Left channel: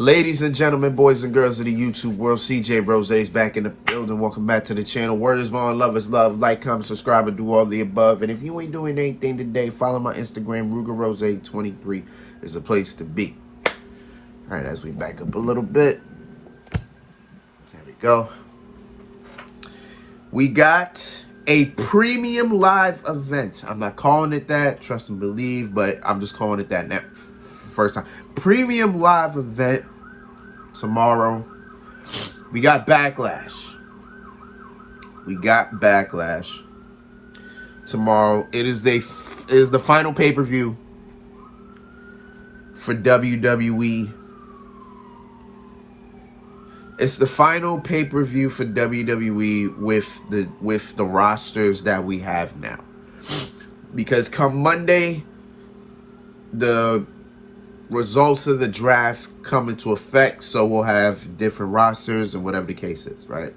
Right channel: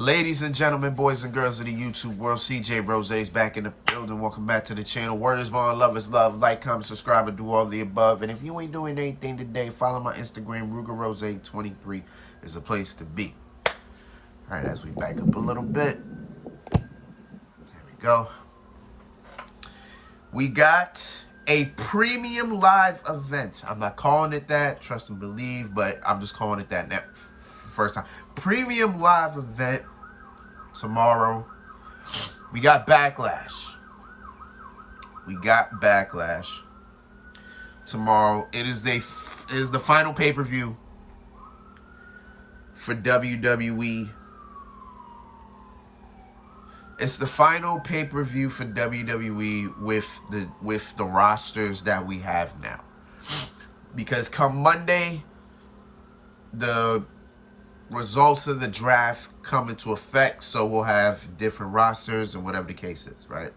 Ladies and gentlemen, boys and girls of the YouTube world, CJ Rose's back in the building. Welcome back to the channel. Word is bond, love is love. Like, comment, subscribe, and do all the above. And if you ain't doing anything today, follow my Instagram. RugerRose23 is the place to be. All right, as we back up a little bit. There we go. We got a premium live event. I'm not calling it that, trust and believe, but I'm just calling it that now. First time. Premium live event tomorrow. We got Backlash. Tomorrow. It is the final pay-per-view for WWE. It's the final pay-per-view for WWE with the rosters that we have now. Because come Monday, the results of the draft come into effect, so we'll have different rosters and whatever the case is, right?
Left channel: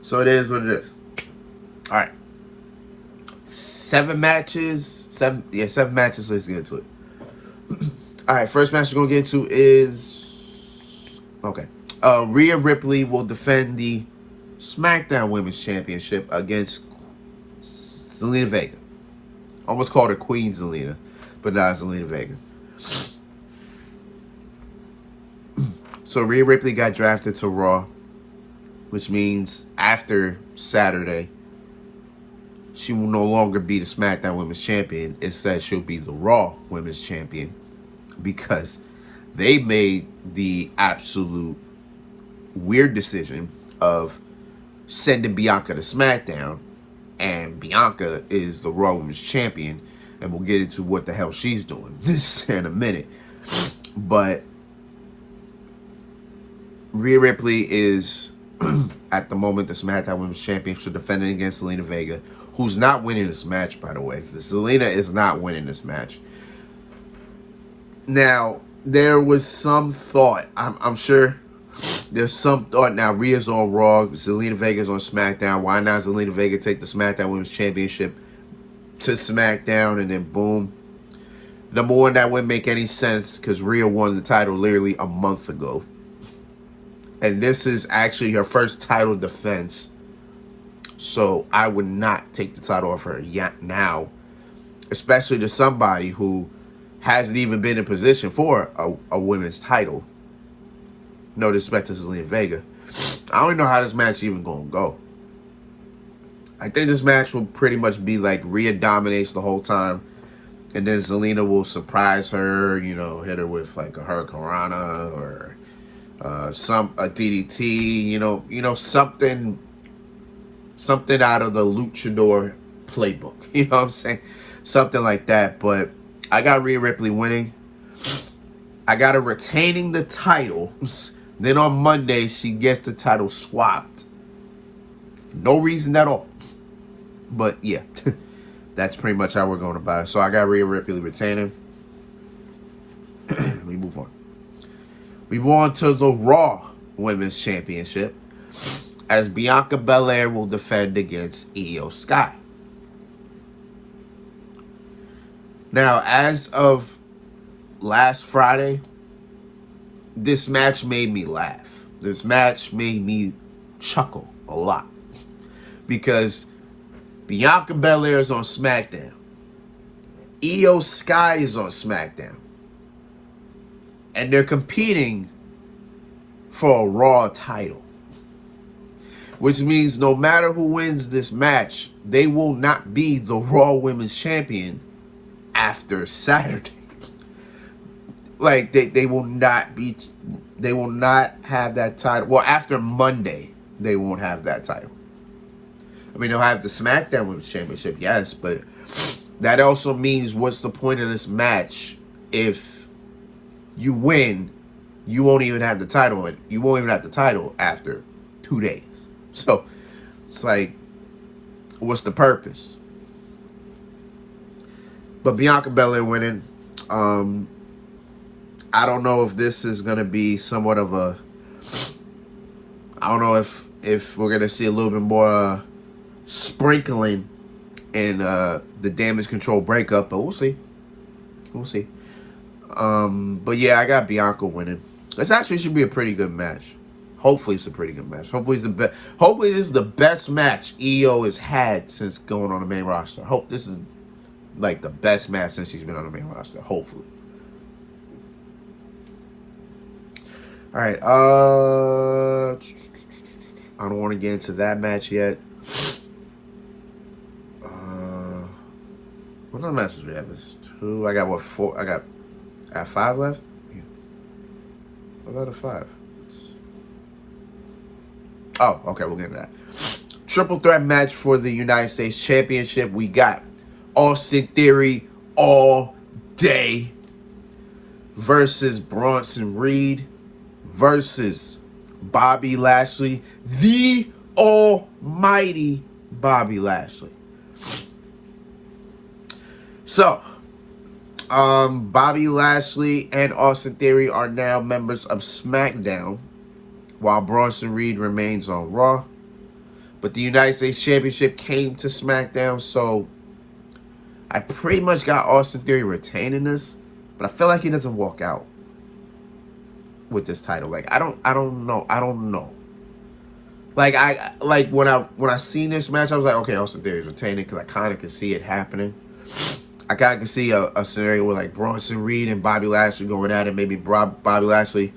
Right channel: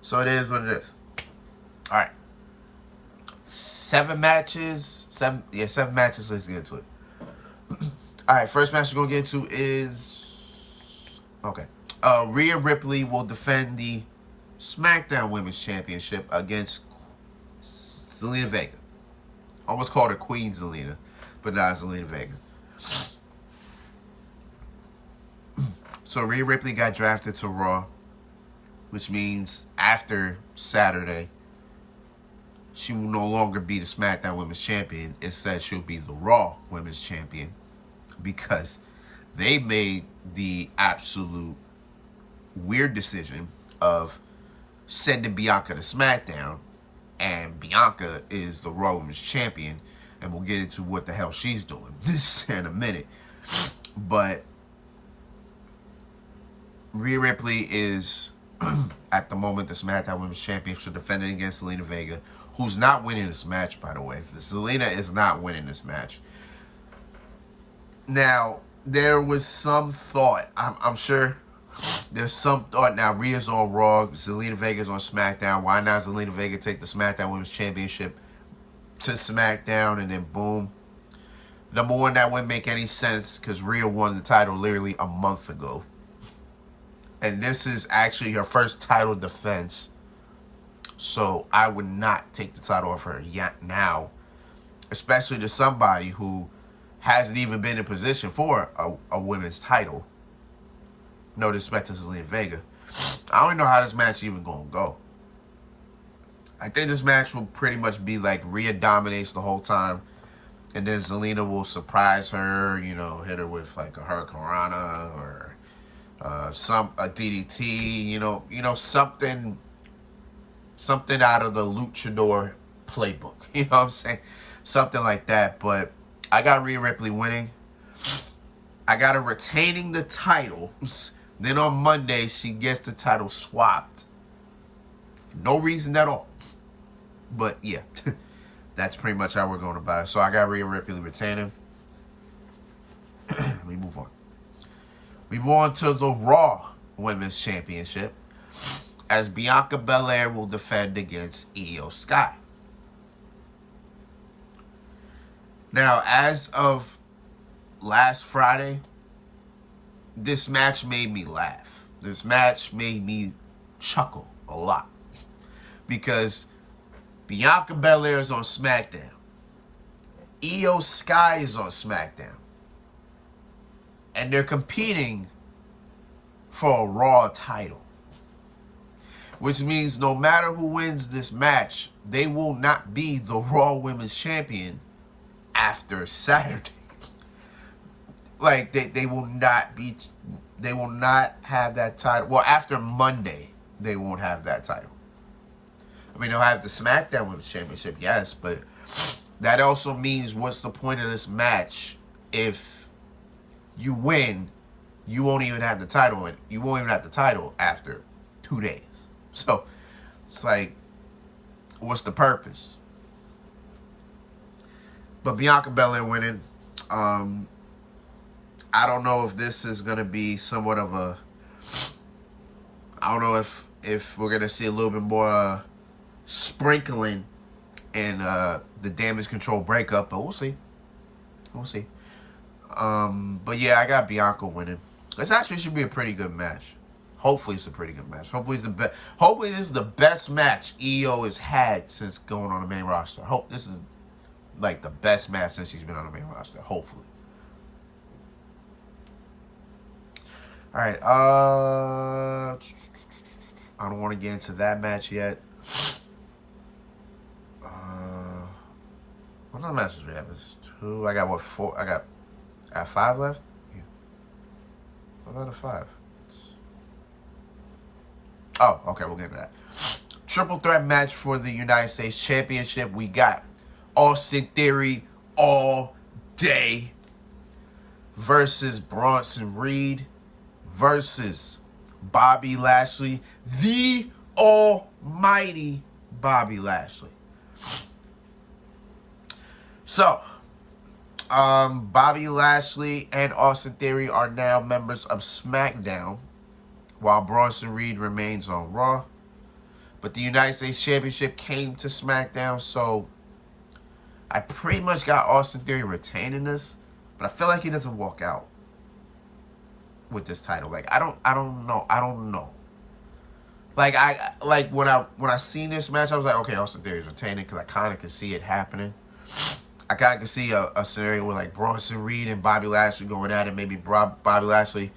So it is what it is. All right. 7 matches. Seven matches. Let's get into it. All right, first match we're going to get into is... Okay. Rhea Ripley will defend the SmackDown Women's Championship against Zelina Vega. Almost called her Queen Zelina, but not Zelina Vega. So Rhea Ripley got drafted to Raw, which means after Saturday, she will no longer be the SmackDown Women's Champion. Instead, she'll be the Raw Women's Champion because they made the absolute weird decision of sending Bianca to SmackDown, and Bianca is the Raw Women's Champion, and we'll get into what the hell she's doing this in a minute. But Rhea Ripley is at the moment the SmackDown Women's Champion. She's defending against Zelina Vega, who's not winning this match, by the way. Zelina is not winning this match. Now, there was some thought, I'm sure there's some thought now. Rhea's on Raw, Zelina Vega's on SmackDown. Why not Zelina Vega take the SmackDown Women's Championship to SmackDown, and then boom. Number one, that wouldn't make any sense because Rhea won the title literally a month ago. And this is actually her first title defense. So I would not take the title off her yet now, especially to somebody who hasn't even been in position for a women's title. No disrespect to Zelina Vega. I don't even know how this match even gonna go. I think this match will pretty much be like Rhea dominates the whole time, and then Zelina will surprise her, you know, hit her with like a Hurricanrana or a DDT, you know, something out of the luchador playbook. You know what I'm saying? Something like that. But I got Rhea Ripley winning. I got her retaining the title. Then on Monday, she gets the title swapped. For no reason at all. But yeah, that's pretty much how we're going about it. So I got Rhea Ripley retaining. Let me move on. We move on to the Raw Women's Championship, as Bianca Belair will defend against Io Sky. Now, as of last Friday, this match made me laugh. This match made me chuckle a lot. Because Bianca Belair is on SmackDown. Io Sky is on SmackDown. And they're competing for a Raw title. Which means no matter who wins this match, they will not be the Raw Women's Champion after Saturday. Like, they will not have that title. Well, after Monday, they won't have that title. I mean, they'll have the SmackDown Women's Championship, yes, but that also means what's the point of this match if you win, you won't even have the title, and you won't even have the title after 2 days. So, it's like, what's the purpose? But Bianca Belair winning. I don't know if this is going to be somewhat of a... I don't know if we're going to see a little bit more sprinkling in the Damage Control breakup, but we'll see. We'll see. But yeah, I got Bianca winning. This actually should be a pretty good match. Hopefully it's a pretty good match. Hopefully it's the best. Hopefully this is the best match EO has had since going on the main roster. Hope this is like the best match since he's been on the main roster. Hopefully. All right. I don't want to get into that match yet. What other matches we have? Two. I got what? Four. I got 5 left. Yeah. What out of 5? Oh, okay. We'll get into that. Triple threat match for the United States Championship. We got Austin Theory all day versus Bronson Reed versus Bobby Lashley, the almighty Bobby Lashley. So, Bobby Lashley and Austin Theory are now members of SmackDown, while Bronson Reed remains on Raw. But the United States Championship came to SmackDown, so I pretty much got Austin Theory retaining this, but I feel like he doesn't walk out with this title. Like I don't know. Like when I seen this match, I was like, okay, Austin Theory's retaining because I kind of can see it happening. I kind of can see a scenario where like Bronson Reed and Bobby Lashley going at it. Maybe Bobby Lashley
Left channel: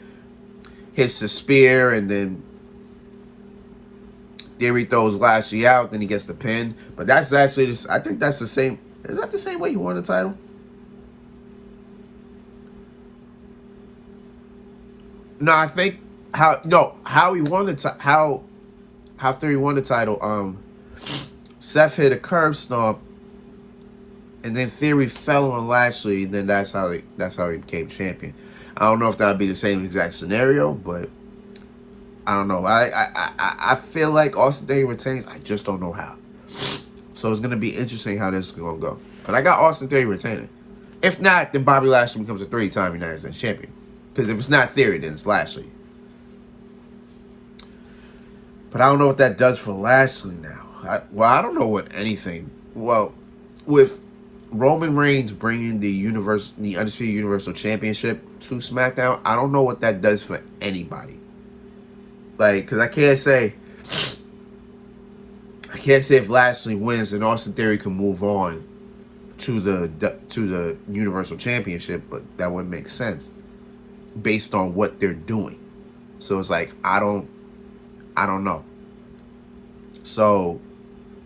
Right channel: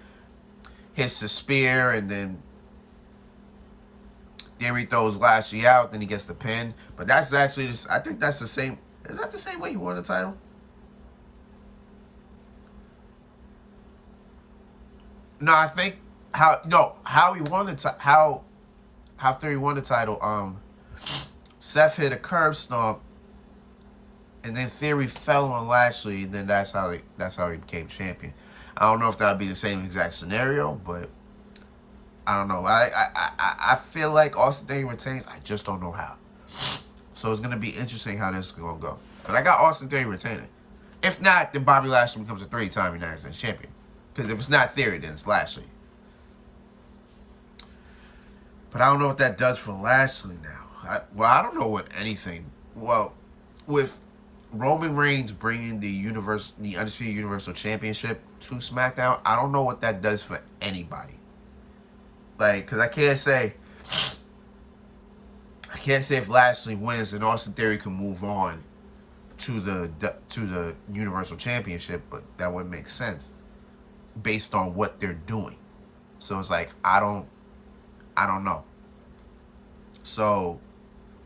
hits the spear and then Theory throws Lashley out, then he gets the pin. But that's actually just, I think that's the same. Is that the same way he won the title? No, I think how he won the how Theory won the title. Seth hit a curb stomp, and then Theory fell on Lashley, and then that's how he became champion. I don't know if that would be the same exact scenario, but I don't know. I feel like Austin Theory retains. I just don't know how. So it's gonna be interesting how this is gonna go. But I got Austin Theory retaining. If not, then Bobby Lashley becomes a 3-time United States champion. Because if it's not Theory, then it's Lashley. But I don't know what that does for Lashley now. I don't know what anything. Well, with Roman Reigns bringing the Undisputed Universal Championship to SmackDown, I don't know what that does for anybody. Like, because I can't say if Lashley wins, then Austin Theory can move on to the Universal Championship, but that wouldn't make sense based on what they're doing. So it's like I don't know. So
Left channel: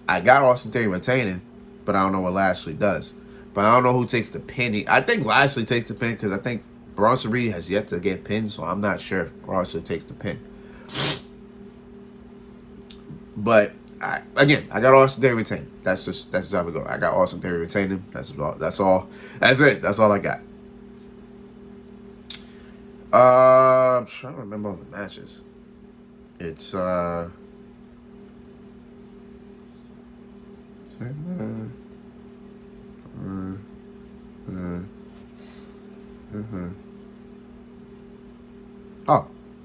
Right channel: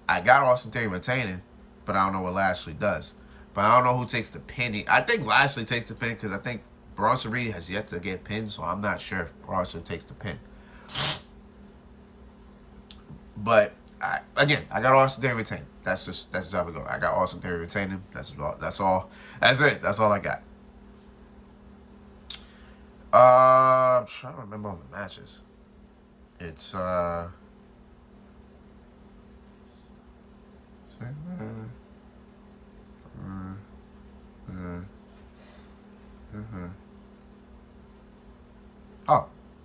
I got Austin Theory retaining, but I don't know what Lashley does. But I don't know who takes the pin. I think Lashley takes the pin because I think Bronson Reed has yet to get pinned, so I'm not sure if Bronson takes the pin. But I got Austin Theory retaining. That's just how we go. I got Austin Theory retaining. That's all. That's it. That's all I got. I'm trying to remember all the matches. It's oh,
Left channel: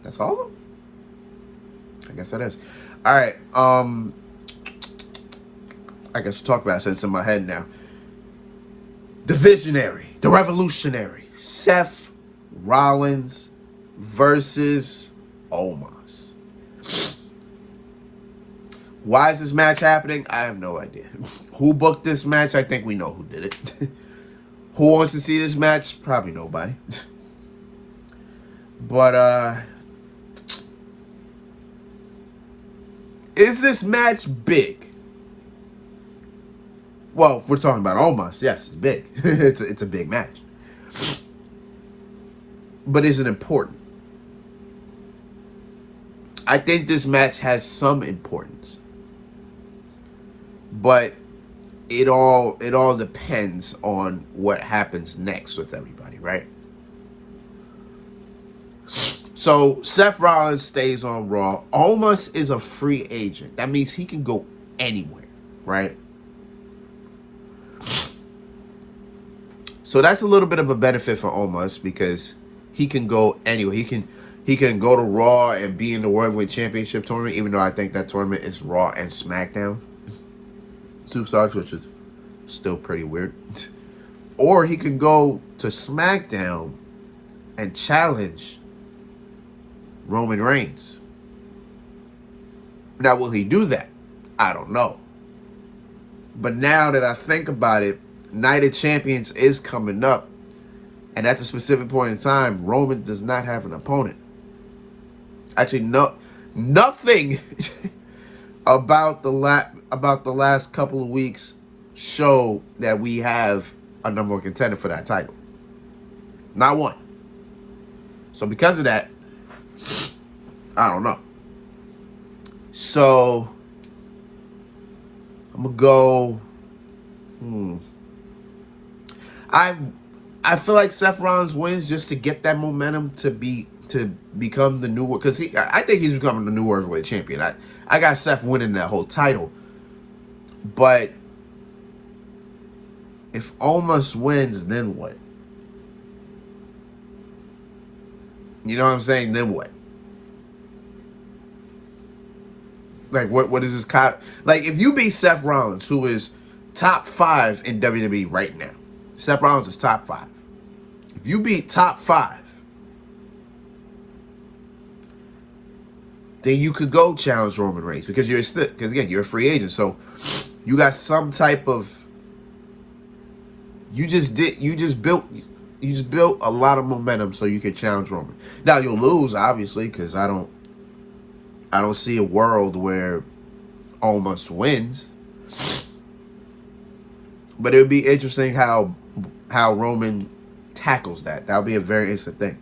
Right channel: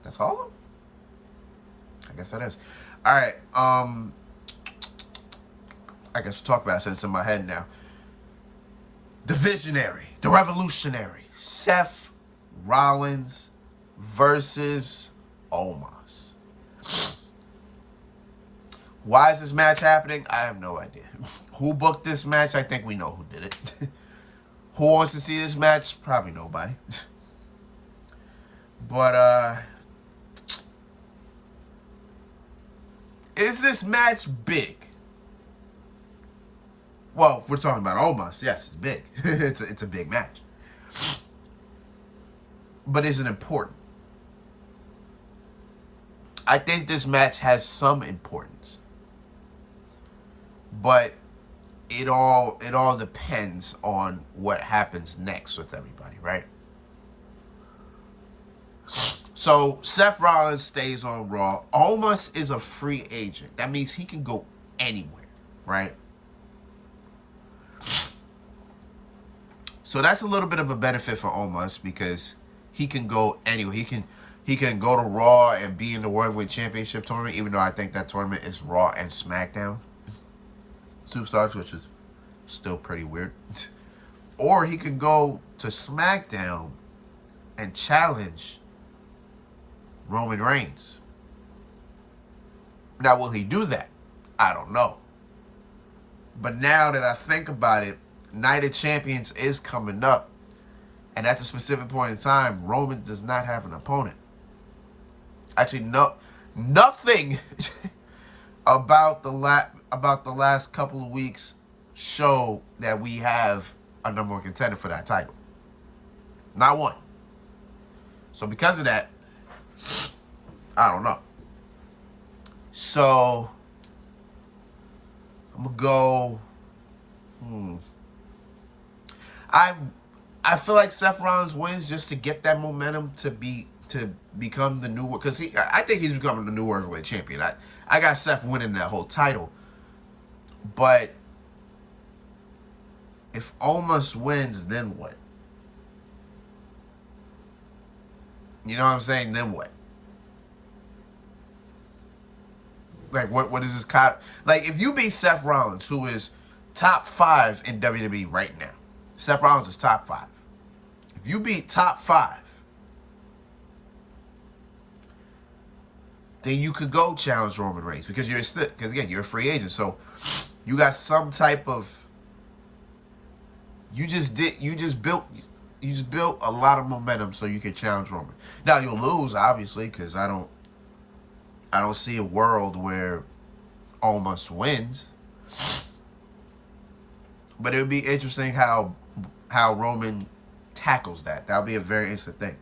that's all of them? I guess that is. All right. I guess we'll talk about it since it's in my head now. The Visionary, the Revolutionary, Seth Rollins versus Omos. Why is this match happening? I have no idea. Who booked this match? I think we know who did it. Who wants to see this match? Probably nobody. But, is this match big? Well, if we're talking about Omos, yes, it's big. it's a big match. But is it important? I think this match has some importance. But it all depends on what happens next with everybody, right? So Seth Rollins stays on Raw. Omos is a free agent. That means he can go anywhere, right? So that's a little bit of a benefit for Omos because he can go anywhere. He can go to Raw and be in the World Heavyweight Championship tournament, even though I think that tournament is Raw and SmackDown Superstars, which is still pretty weird. Or he can go to SmackDown and challenge Roman Reigns. Now, will he do that? I don't know. But now that I think about it, Night of Champions is coming up. And at the specific point in time, Roman does not have an opponent. Actually, nothing about the last couple of weeks show that we have a number one contender for that title. Not one. So because of that, I don't know. So I'm gonna go. I feel like Seth Rollins wins just to get that momentum to become the new, because I think he's becoming the new World Heavyweight Champion. I got Seth winning that whole title, but if Omos wins, then what? You know what I'm saying? Then what? Like, what is this? Like, if you beat Seth Rollins, who is top 5 in WWE right now, Seth Rollins is top 5. If you beat top 5, then you could go challenge Roman Reigns, because again, you're a free agent, so you got some type of. You just built a lot of momentum so you can challenge Roman. Now you'll lose, obviously, because I don't see a world where Omos wins. But it would be interesting how Roman tackles that. That'll be a very interesting thing.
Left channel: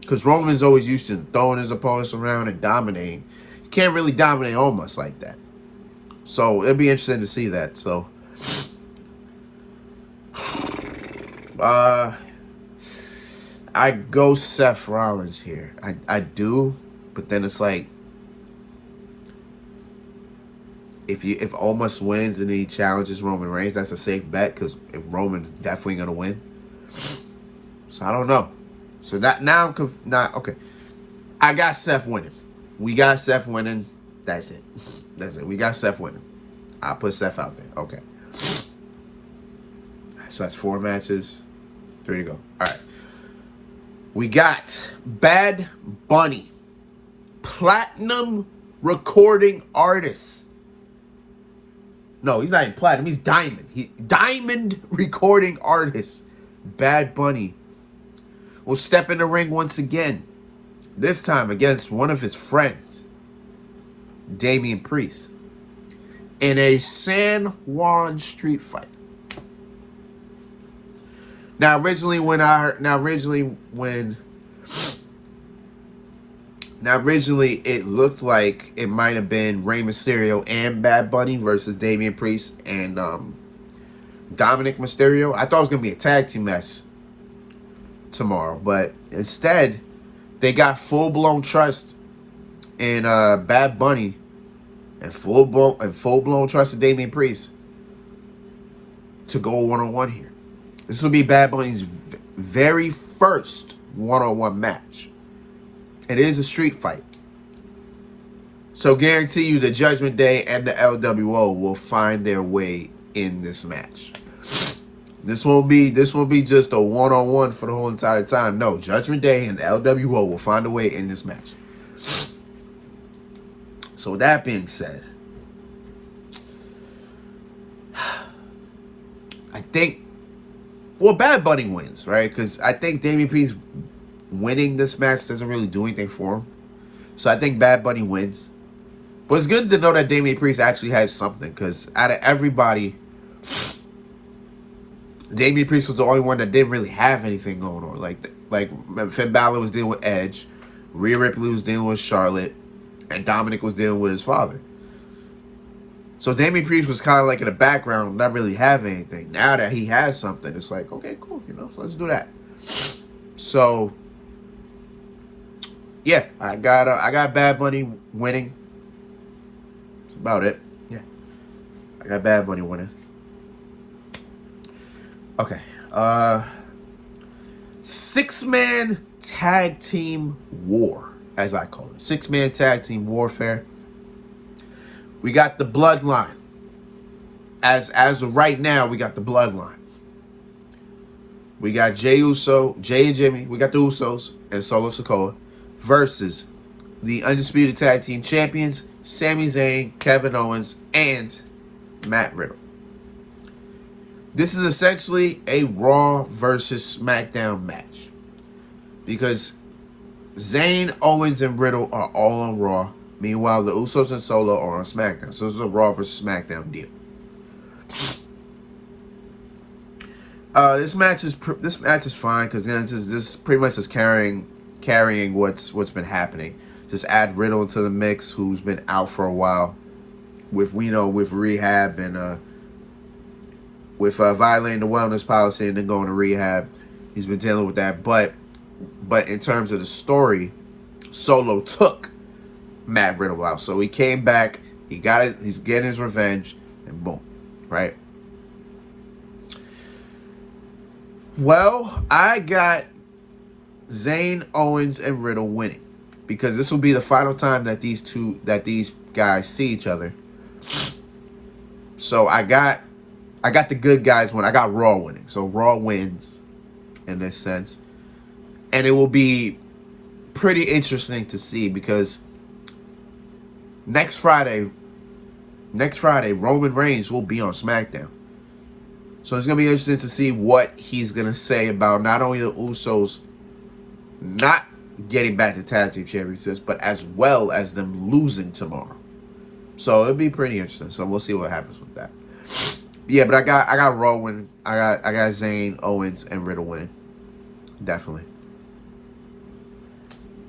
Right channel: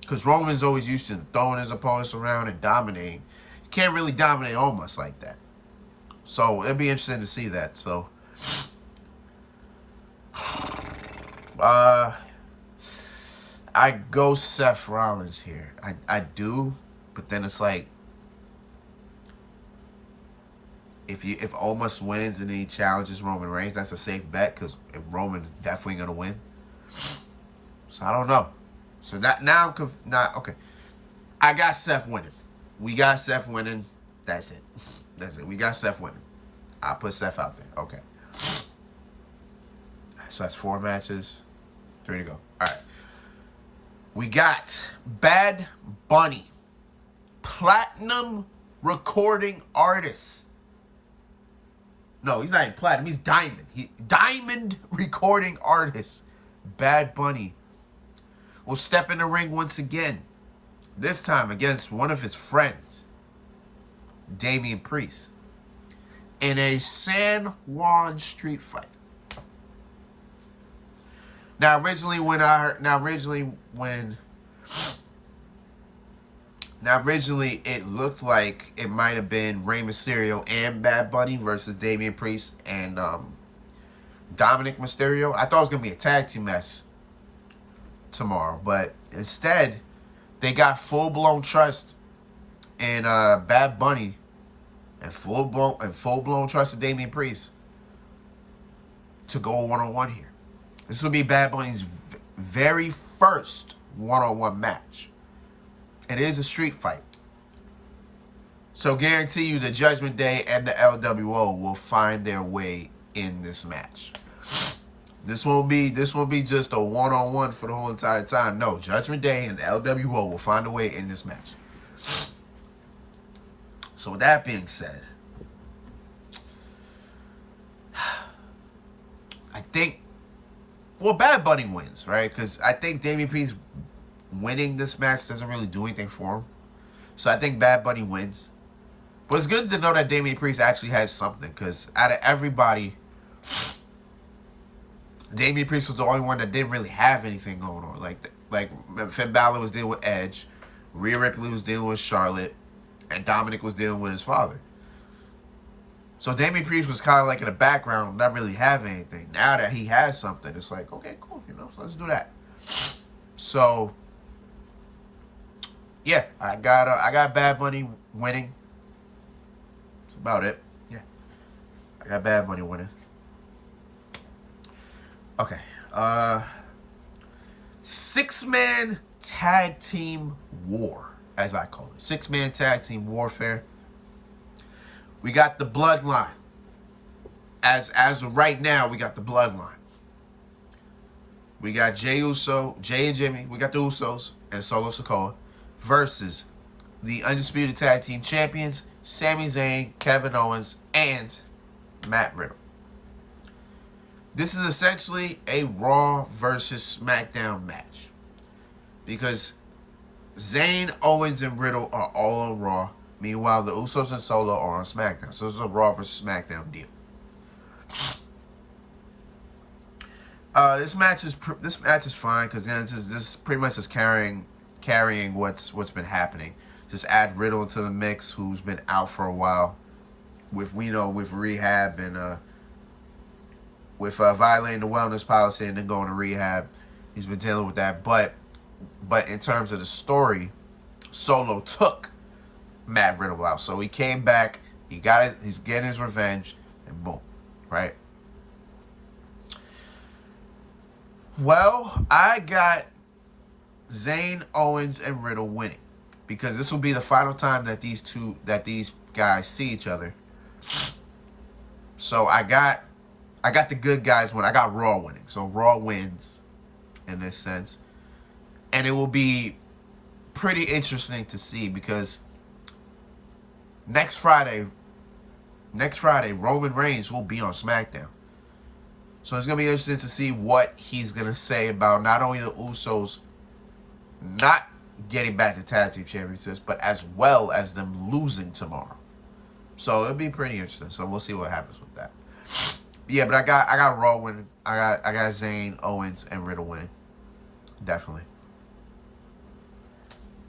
Because Roman's always used to throwing his opponents around and dominating. You can't really dominate Omos like that. So it'll be interesting to see that. So I go Seth Rollins here. I do, but then it's like, if Omos wins and he challenges Roman Reigns, that's a safe bet, because Roman is definitely gonna win. So I don't know. So that now I'm not okay. I got Seth winning. We got Seth winning. That's it. That's it. We got Seth winning. I put Seth out there. Okay. So that's 4 matches. 3 to go. All right. We got Bad Bunny, platinum recording artist. No, he's not even platinum. He's diamond. Diamond recording artist. Bad Bunny will step in the ring once again. This time against one of his friends, Damian Priest, in a San Juan street fight. Now originally it looked like it might have been Rey Mysterio and Bad Bunny versus Damian Priest and Dominic Mysterio. I thought it was gonna be a tag team match tomorrow, but instead they got full-blown trust in Bad Bunny and full-blown trust in Damian Priest to go one-on-one here. This will be Bad Bunny's very first one-on-one match. It is a street fight, so guarantee you the Judgment Day and the LWO will find their way in this match. This won't be just a one-on-one for the whole entire time. No, Judgment Day and the LWO will find a way in this match. So with that being said, I think, well, Bad Bunny wins, right? Because I think Damian Priest winning this match doesn't really do anything for him. So I think Bad Bunny wins. But it's good to know that Damian Priest actually has something, because out of everybody, Damian Priest was the only one that didn't really have anything going on. Like Finn Balor was dealing with Edge, Rhea Ripley was dealing with Charlotte, and Dominic was dealing with his father. So Damian Priest was kind of like in the background, not really having anything. Now that he has something, it's like, okay, cool, so let's do that. So yeah, I got Bad Bunny winning. That's about it. Yeah, I got Bad Bunny winning. Okay, 6-man tag team war, as I call it. 6-man tag team warfare. We got the Bloodline. As of right now, we got the Bloodline. We got Jey and Jimmy. We got the Usos and Solo Sikoa. versus the Undisputed Tag Team Champions, Sami Zayn, Kevin Owens, and Matt Riddle. This is essentially a Raw versus SmackDown match, because Zayn, Owens, and Riddle are all on Raw. Meanwhile, the Usos and Solo are on SmackDown. So this is a Raw versus SmackDown deal. This match is fine, because this pretty much is carrying what's been happening. Just add Riddle into the mix, who's been out for a while with rehab and with violating the wellness policy and then going to rehab. He's been dealing with that, but in terms of the story, Solo took Matt Riddle out, so he came back. He got it. He's getting his revenge, and boom, right? Well, I got Zayn, Owens, and Riddle winning, because this will be the final time that these guys see each other. So I got the good guys win. I got Raw winning. So Raw wins in this sense. And it will be pretty interesting to see, because next Friday, Roman Reigns will be on SmackDown. So it's going to be interesting to see what he's going to say about not only the Usos not getting back to tag team championships, but as well as them losing tomorrow. So it'll be pretty interesting. So we'll see what happens with that. Yeah, but I got Raw winning. I got Zayn, Owens, and Riddle winning. Definitely.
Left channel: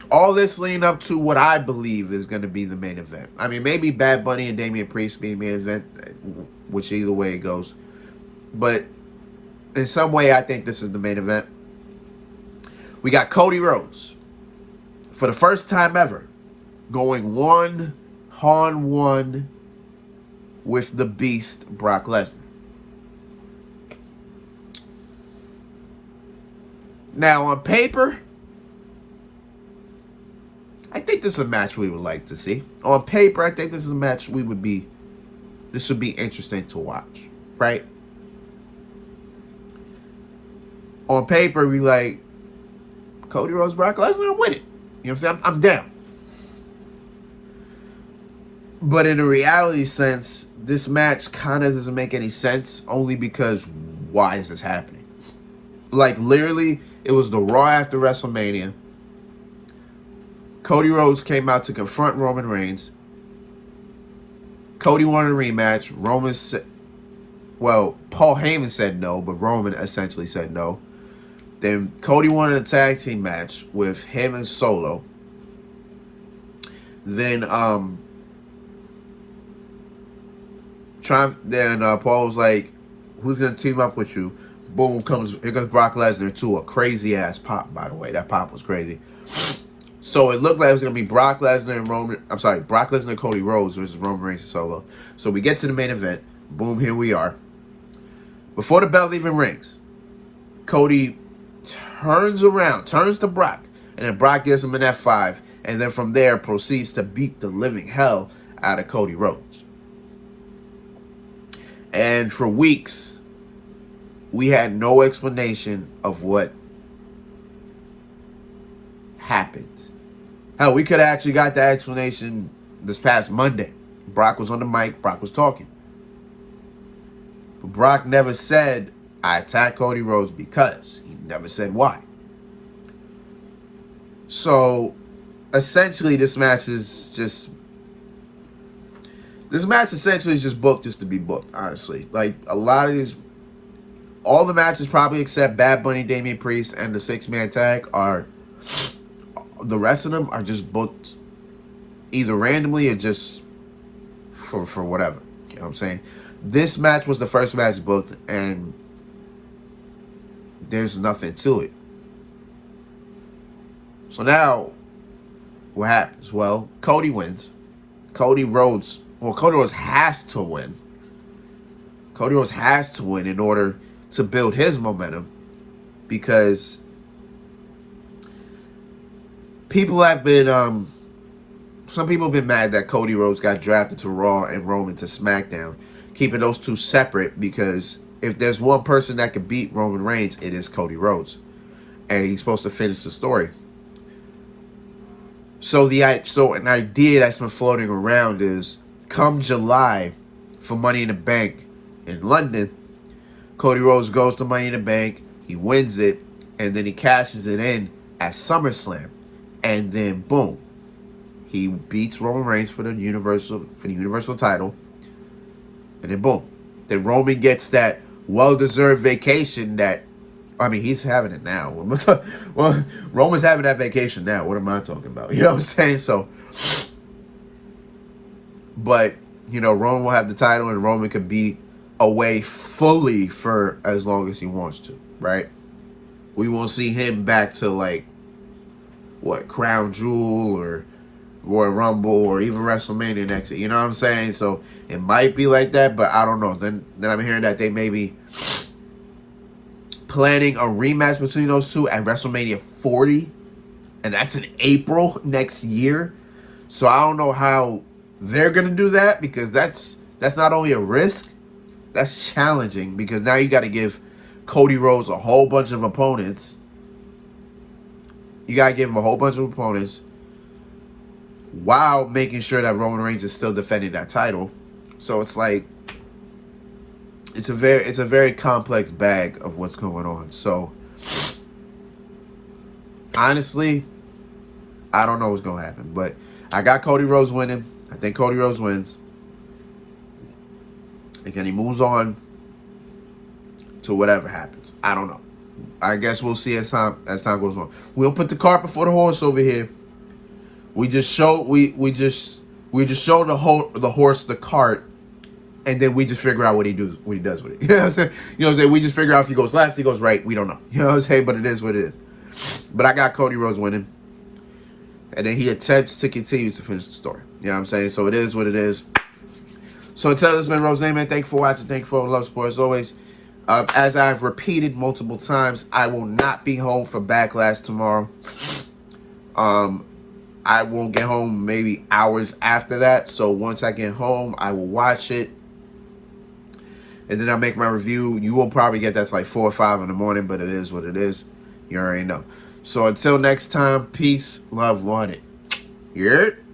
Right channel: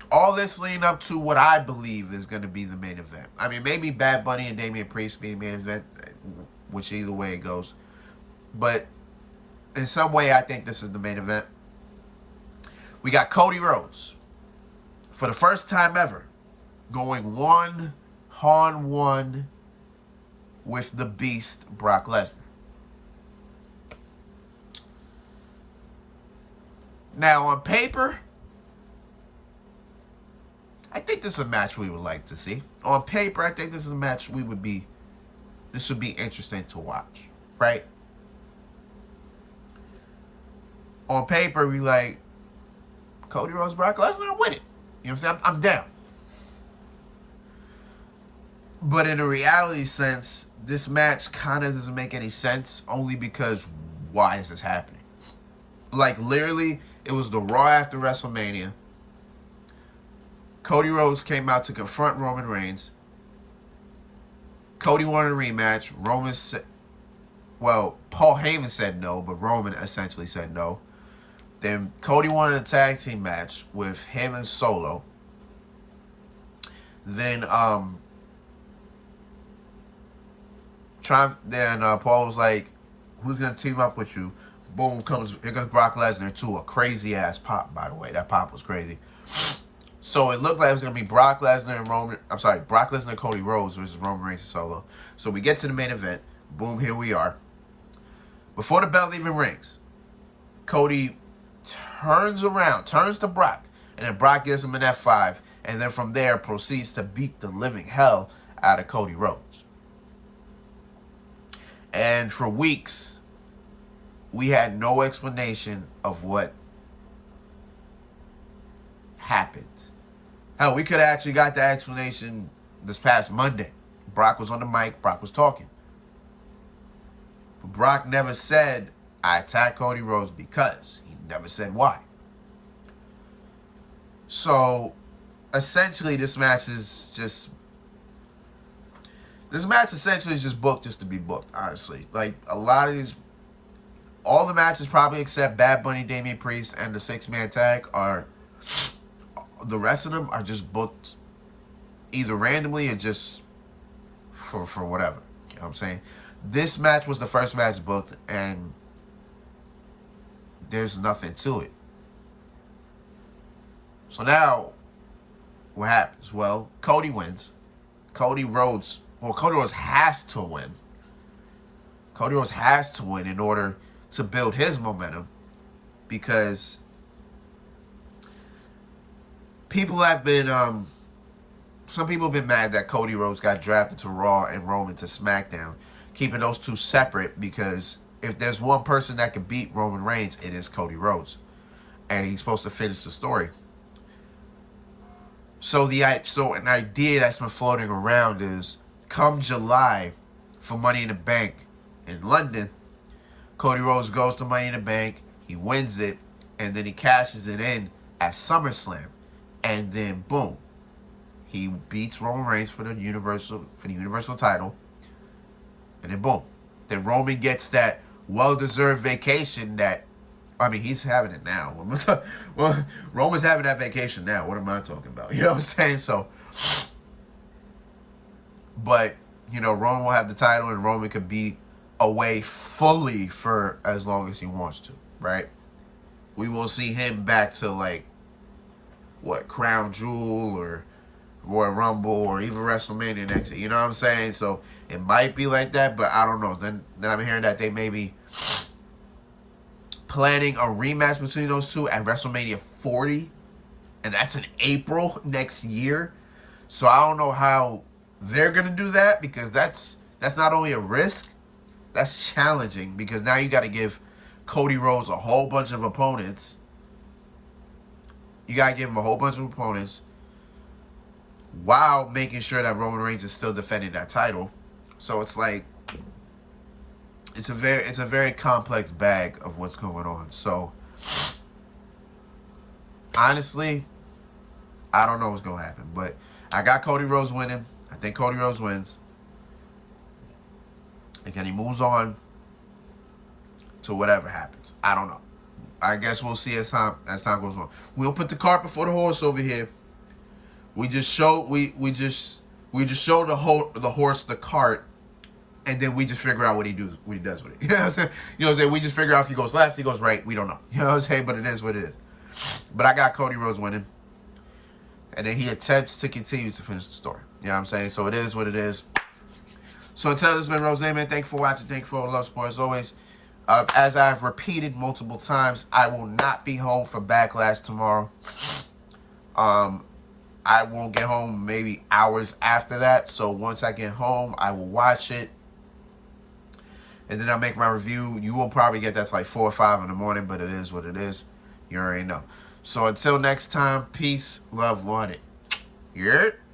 All this leading up to what I believe is going to be the main event. I mean, maybe Bad Bunny and Damian Priest being the main event, which either way it goes. But in some way, I think this is the main event. We got Cody Rhodes, for the first time ever, going 1-on-1 with the Beast, Brock Lesnar. Now, on paper, I think this is a match we would like to see. On paper, I think this is a match this would be interesting to watch, right? On paper, we like Cody Rhodes, Brock Lesnar, win it. You know what I'm saying? I'm down. But in a reality sense, this match kind of doesn't make any sense, only because why is this happening? Like, literally, it was the Raw after WrestleMania. Cody Rhodes came out to confront Roman Reigns. Cody wanted a rematch. Paul Heyman said no, but Roman essentially said no. Then Cody wanted a tag team match with him and Solo. Then Paul was like, who's going to team up with you? Boom, here comes Brock Lesnar to a crazy ass pop, by the way. That pop was crazy. So it looked like it was going to be Brock Lesnar and Cody Rhodes versus Roman Reigns and Solo. So we get to the main event. Boom, here we are. Before the bell even rings, Cody turns to Brock, and then Brock gives him an F5, and then from there proceeds to beat the living hell out of Cody Rhodes. And for weeks, we had no explanation of what happened. Hell, we could have actually got the explanation this past Monday. Brock was on the mic, Brock was talking. But Brock never said, I attacked Cody Rhodes because. He never said why. So, essentially, this match essentially is just booked just to be booked, honestly. Like, all the matches probably except Bad Bunny, Damian Priest, and the 6-man tag the rest of them are just booked either randomly or just for whatever. You know what I'm saying? This match was the first match booked, and there's nothing to it. So now, what happens? Well, Cody wins. Cody Rhodes has to win. Cody Rhodes has to win in order to build his momentum, because people have been, some people have been mad that Cody Rhodes got drafted to Raw and Roman to SmackDown, keeping those two separate, because if there's one person that could beat Roman Reigns, it is Cody Rhodes. And he's supposed to finish the story. So an idea that's been floating around is come July for Money in the Bank in London, Cody Rhodes goes to Money in the Bank, he wins it, and then he cashes it in at SummerSlam, and then boom, he beats Roman Reigns for the Universal title, and then boom, then Roman gets that well-deserved vacation that, I mean, he's having it now. Well, Roman's having that vacation now. What am I talking about? You know what I'm saying? So, but, you know, Roman will have the title and Roman could be away fully for as long as he wants to, right? We won't see him back to, like, what, Crown Jewel or Royal Rumble or even WrestleMania next year. You know what I'm saying? So, it might be like that, but I don't know. Then I'm hearing that they may be planning a rematch between those two at WrestleMania 40, and that's in April next year. So I don't know how they're gonna do that, because that's not only a risk, that's challenging, because now you got to give Cody Rhodes a whole bunch of opponents. You gotta give him a whole bunch of opponents while making sure that Roman Reigns is still defending that title. So it's like, it's a very complex bag of what's going on. So honestly, I don't know what's gonna happen, but I got Cody Rhodes winning. I think Cody Rhodes wins, and then he moves on to whatever happens. I don't know. I guess we'll see as time goes on. We'll put the cart before the horse over here. We just show the horse the cart, and then we just figure out what he does with it. You know what I'm saying? You know what I'm saying? We just figure out if he goes left, he goes right. We don't know. You know what I'm saying? But it is what it is. But I got Cody Rhodes winning, and then he attempts to continue to finish the story. You know what I'm saying? So it is what it is. So until this has been Rose, man, thank you for watching. Thank you for all the love, support, as always. As I've repeated multiple times, I will not be home for Backlash tomorrow. I won't get home maybe hours after that. So once I get home, I will watch it, and then I'll make my review. You will probably get that to like 4 or 5 in the morning, but it is what it is. You already know. So until next time, peace, love, wanted. You heard?